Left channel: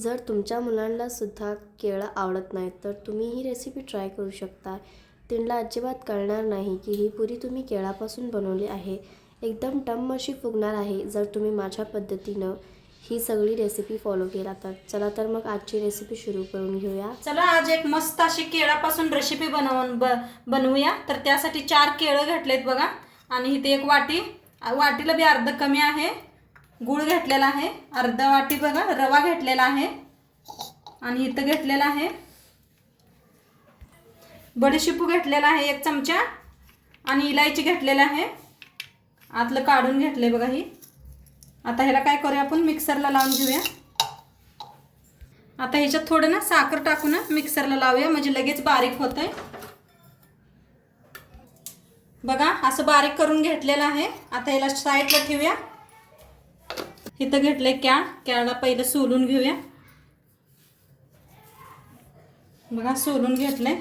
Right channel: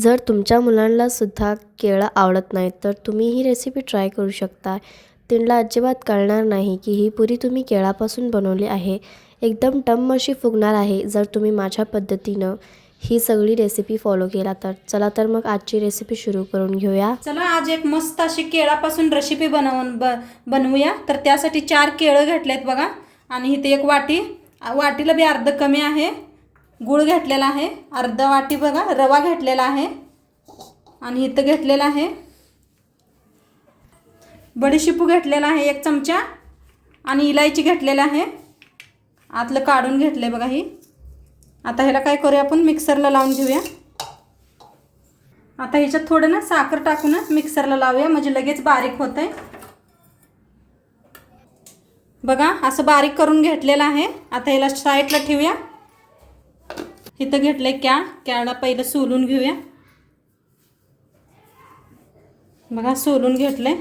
जर तुमच्या मुलांनासुद्धा केळं आवडत नाहीत तर तुम्ही ही रेसिपी ट्राय करू शकता त्यांना अजिबात कळणार नाही की ही पुरी तुम्ही केळापासून बनवली आहे एकदम टम अशी फुगणार आहे जर तुम्ही माझ्या पद्धतीनं ही सगळी रेसिपी फॉलो केला तर चला तर मग आजची रेसिपी सुरू करून घेऊया चला आज एक मस्त अशी केळापासून रेसिपी बनवून ब बनवूया तर त्यासाठी चार केळं घेतलेत बघा आणि इथे एक वाटी वाटीला बी अर्ध कमी आहे गुळ घेतलेला आहे अर्धा वाटी बघा रवा घेतलेला आहे आणि इथं घेतलेला आहे बडीशिपू घेतलेला आहे एक चमचा आणि इलायची घेतलेला आहे आतलं काढून घेतले बघा ही आता ह्याला काय करूया आपण मिक्सरला लावून घेऊया आता ह्याच्यात थोडं ना साखर टाकूनच मिक्सरला लावूया म्हणजे लगेच बारीक होत आहे बघा असं बारीक करून घेतलेलं आहे आता ह्याला साईडला ठेवूया इथं घेतलंय क्या क्याला पहिलं सोलून घेऊया बघा सोलून घेतलंय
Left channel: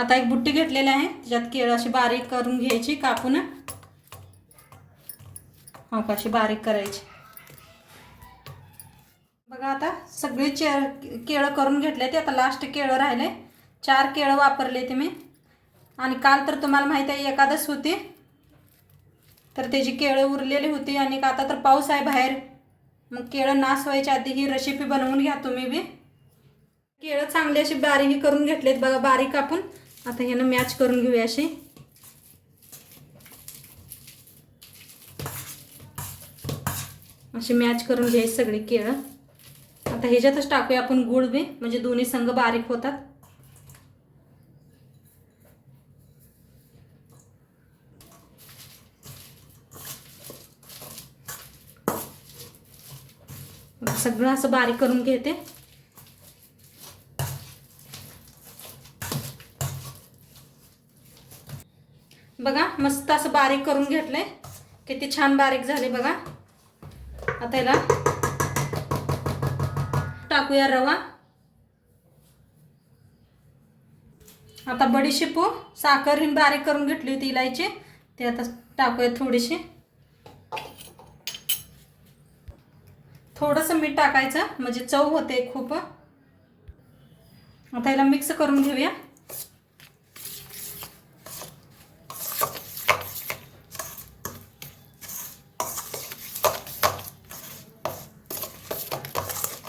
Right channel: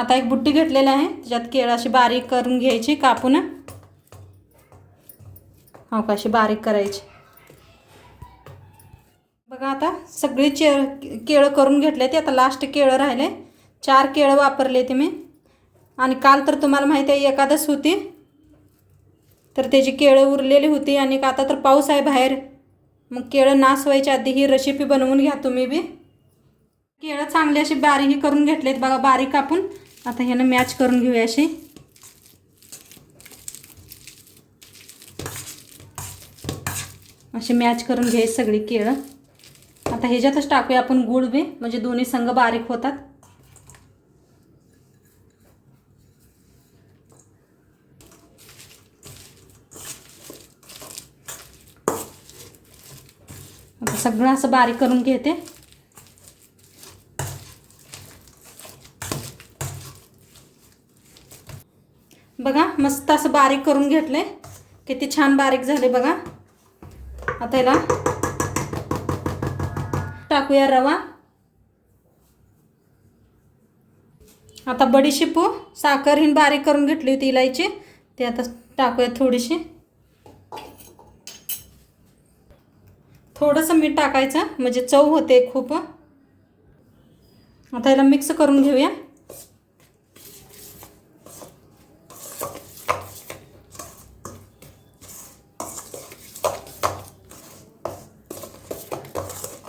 आता एक बुट्टी घेतलेली आहे त्याच्यात केळ अशी बारीक करून घ्यायची कापून अवकाशी बारीक करायची बघा आता सगळी चे केळं करून घेतले ते आता लास्ट केळं राहिले चार केळं वापरले ते मी आणि काल तर तुम्हाला माहिती आहे एकादच होती तर त्याची केळं उरलेली होती आणि आता तर पाऊस आहे बाहेर मग केळं नास व्हायच्या आधी ही रेसिपी बनवून घ्या तुम्ही बी केळं चांगली अशी बारीक करून घेतलीत बघा बारीक आपण आता ह्यानं मॅच करून घेऊया अशी अशी मॅच करून घ्यायची सगळी केळं आता ह्याच्यातच टाकूया आपण गुळ बी म्हणजे दोन्ही संघ बारीक होतात सगळं असं बारीक करून घेते बघा मस्त असं बारीक करून घेतले किती छान बारीक झाले बघा आता याला टाकूया रवा आता बडीशेपू साखर हिन बारीक करून घेतली होती इलायची ते आता टाकूया थोडीशी थोडंसं मीठ टाकायचं म्हणजे चव होते खूप आता याला मिक्स करून घेऊया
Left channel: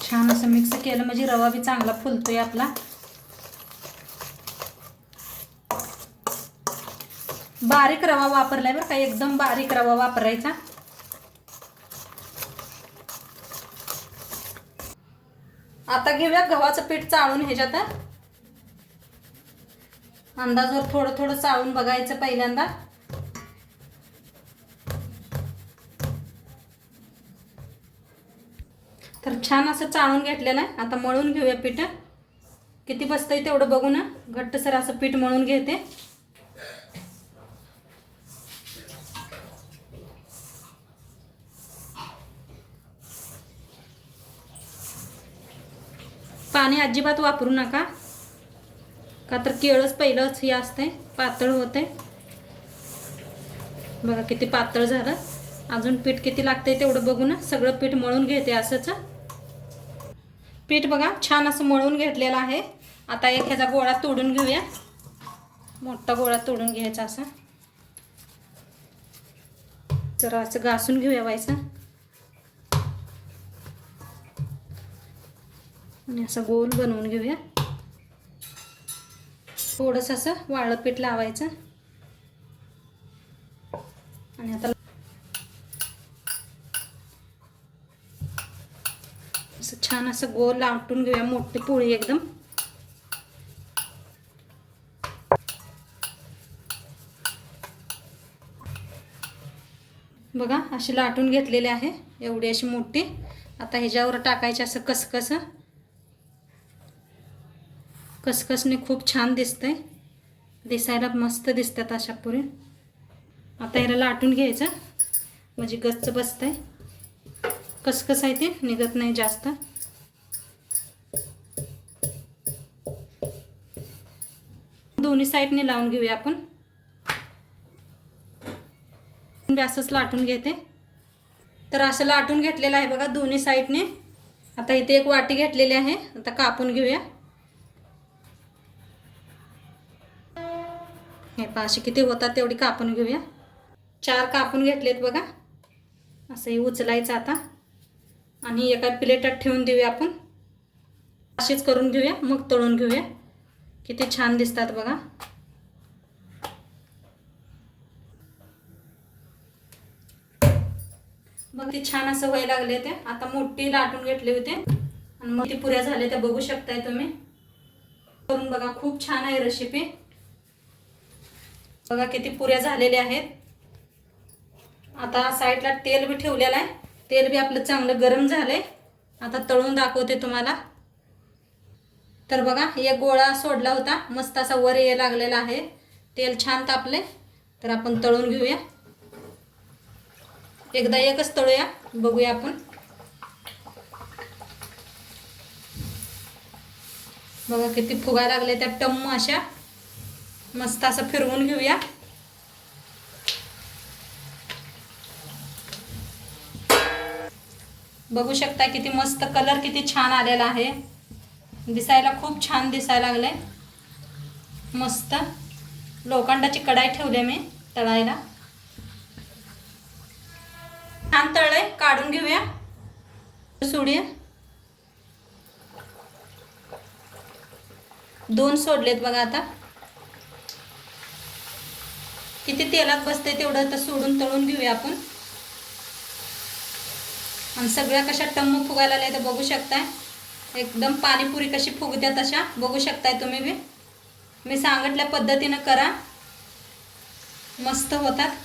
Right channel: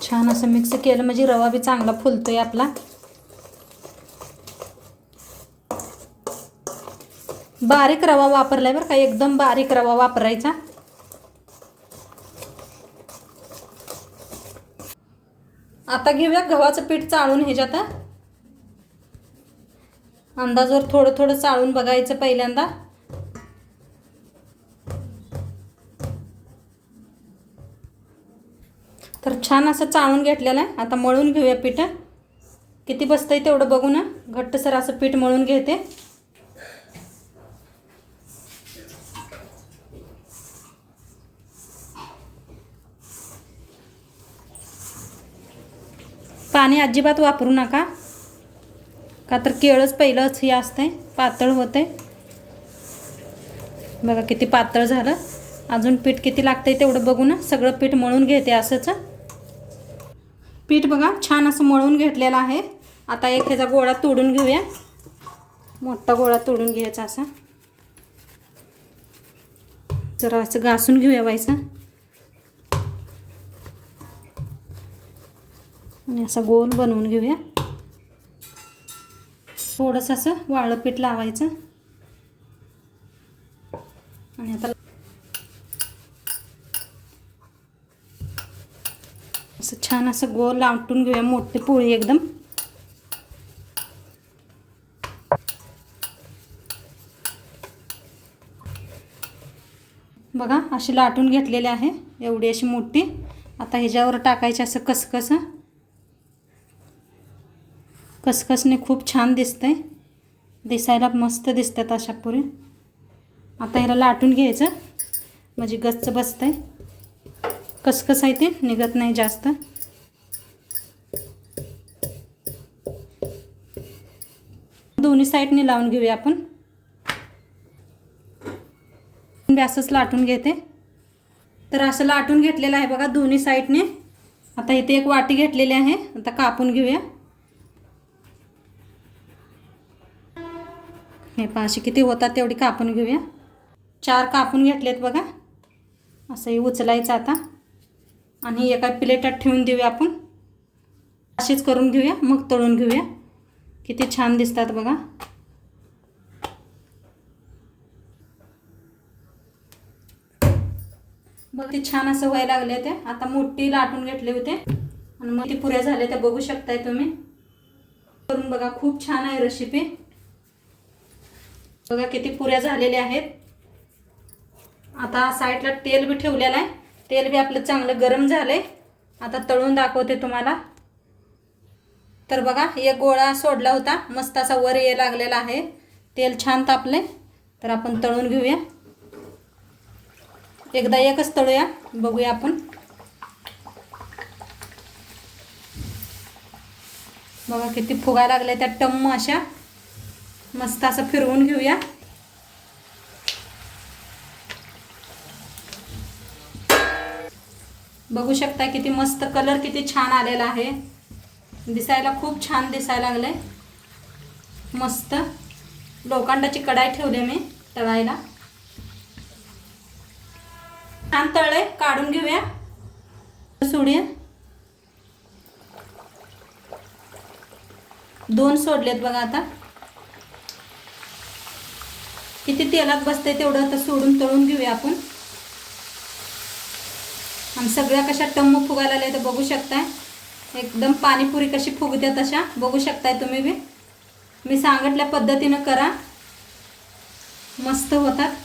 छान असं मिक्स केलं म्हणजे रवा बी चांगला फुलतोय आपला बारीक रवा वापरलाय बरं का एकदम बारीक रवा वापरायचा आता घेऊया गव्हाचं पीठ चाळून ह्याच्यात अंदाजवर थोडं थोडं चाळून बघायचं पहिल्यांदा तर छान असं चाळून घेतलेलं आहे आता मळून घेऊया पीठ किती बसतंय तेवढं बघू ना घट्टसर असं पीठ मळून घेते पाणी अजिबात वापरू नका का तर केळच पहिलंच हे असते पातळ होते बघा किती पातळ झालं अजून पीठ किती लागतंय तेवढं बघू ना सगळं पीठ मळून घेते असंच पीठ बघा छान असं मळून घेतलेलं आहे आता एक ह्याचा गोळा तोडून घेऊया मोठा गोळा तोडून घ्यायचा असा जरा असं घासून घेऊया व्हायचं आणि असं गोल बनवून घेऊया थोडंसं असं वाळपीठ लावायचं आणि आता असं छान असं गोल लाटून घेऊया मोठी पोळी एकदम बघा अशी लाटून घेतलेली आहे एवढी अशी मोठी आता ह्याच्यावर टाकायची असं कसकसं खसखसने खूप छान दिसतं आहे दिसायला मस्त दिसतात अशा पुरे आता ह्याला लाटून घ्यायचं म्हणजे गच्च बसतंय कसकस आहे ते निघत नाही जास्त दोन्ही साईडने लावून घेऊया आपण म्हणजे असंच लाटून घेते तर असं लाटून घेतलेलं आहे बघा दोन्ही साईडने आता इथे एक वाटी घेतलेली आहे आता कापून घेऊया हे पहा असे किती होतात तेवढी कापून घेऊया चार कापून घेतलेत बघा असंही उचलायचं आता आणि एका प्लेटात ठेवून देऊया आपण असेच करून घेऊया मग तळून घेऊया किती छान दिसतात बघा बघ ते छान असं व्हायला लागले ते आता मोठी लाटून घेतले होते आणि मग ते पुऱ्या झाले त्या बघू शकताय तुम्ही करून बघा खूप छान आहे रेसिपी बघा किती पुऱ्या झालेले आहेत आता साईडला तेल बी ठेवलेलं आहे तेल बी आपलं चांगलं गरम झालंय आता तळून दाखवते तुम्हाला तर बघा एक गोळा सोडला होता मस्त असा वर ये लागलेला आहे तेल छान तापले तर आपण तळून घेऊया एकदा एकच तळूया बघूया आपण बघा किती फुगा लागल्या त्या टम्म अशा मस्त असं फिरवून घेऊया बघू शकता किती मस्त कलर किती छान आलेला आहे दिसायला खूप छान दिसायला लागले मस्त लोखंडाची कढाई ठेवली मी तळायला छान तळे काढून घेऊया सोडूया दोन सोडलेत बघा आता किती तेलात बसते तेवढं तर सोडून तळून घेऊया आपण आणि सगळ्या कशा टम्म फुगायला आल्या तर बघू शकताय एकदम पाणीपुरी कशी फुगत्या तशा बघू शकताय तुम्ही बी मी सांगितल्या पद्धतीनं करा मस्त होतात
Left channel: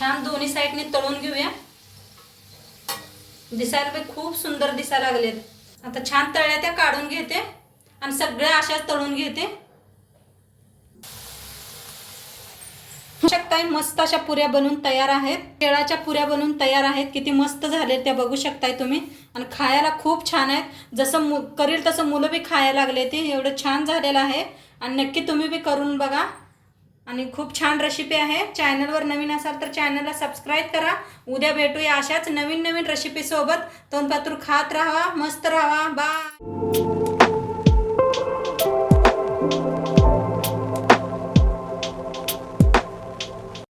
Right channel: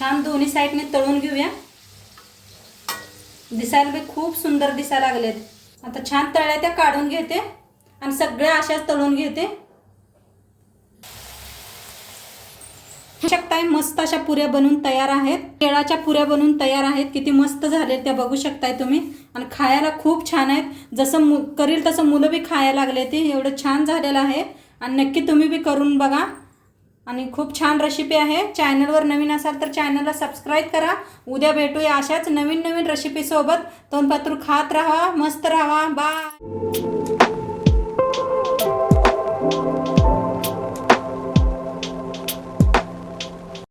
छान दोन्ही साईडने तळून घेऊया दिसायला बी खूप सुंदर दिसायला लागलेत आता छान तळ्या त्या काढून घेते आणि सगळ्या अशाच तळून घेते शकताय मस्त अशा पुऱ्या बनवून तयार आहेत केळाच्या पुऱ्या बनवून तयार आहेत किती मस्त झालेत त्या बघू शकताय तुम्ही आणि खायला खूप छान आहेत जसं करील तसं मुलं बी खायला लागले ते एवढं छान झालेलं आहे आणि नक्की तुम्ही बी करून बघा आणि खूप छान रेसिपी आहे चॅनलवर नवीन असाल तर चॅनलला सबस्क्राईब करा उद्या भेटूया अशाच नवीन नवीन रेसिपीसोबत तोंडपातूर खात राहा मस्त राहा बाय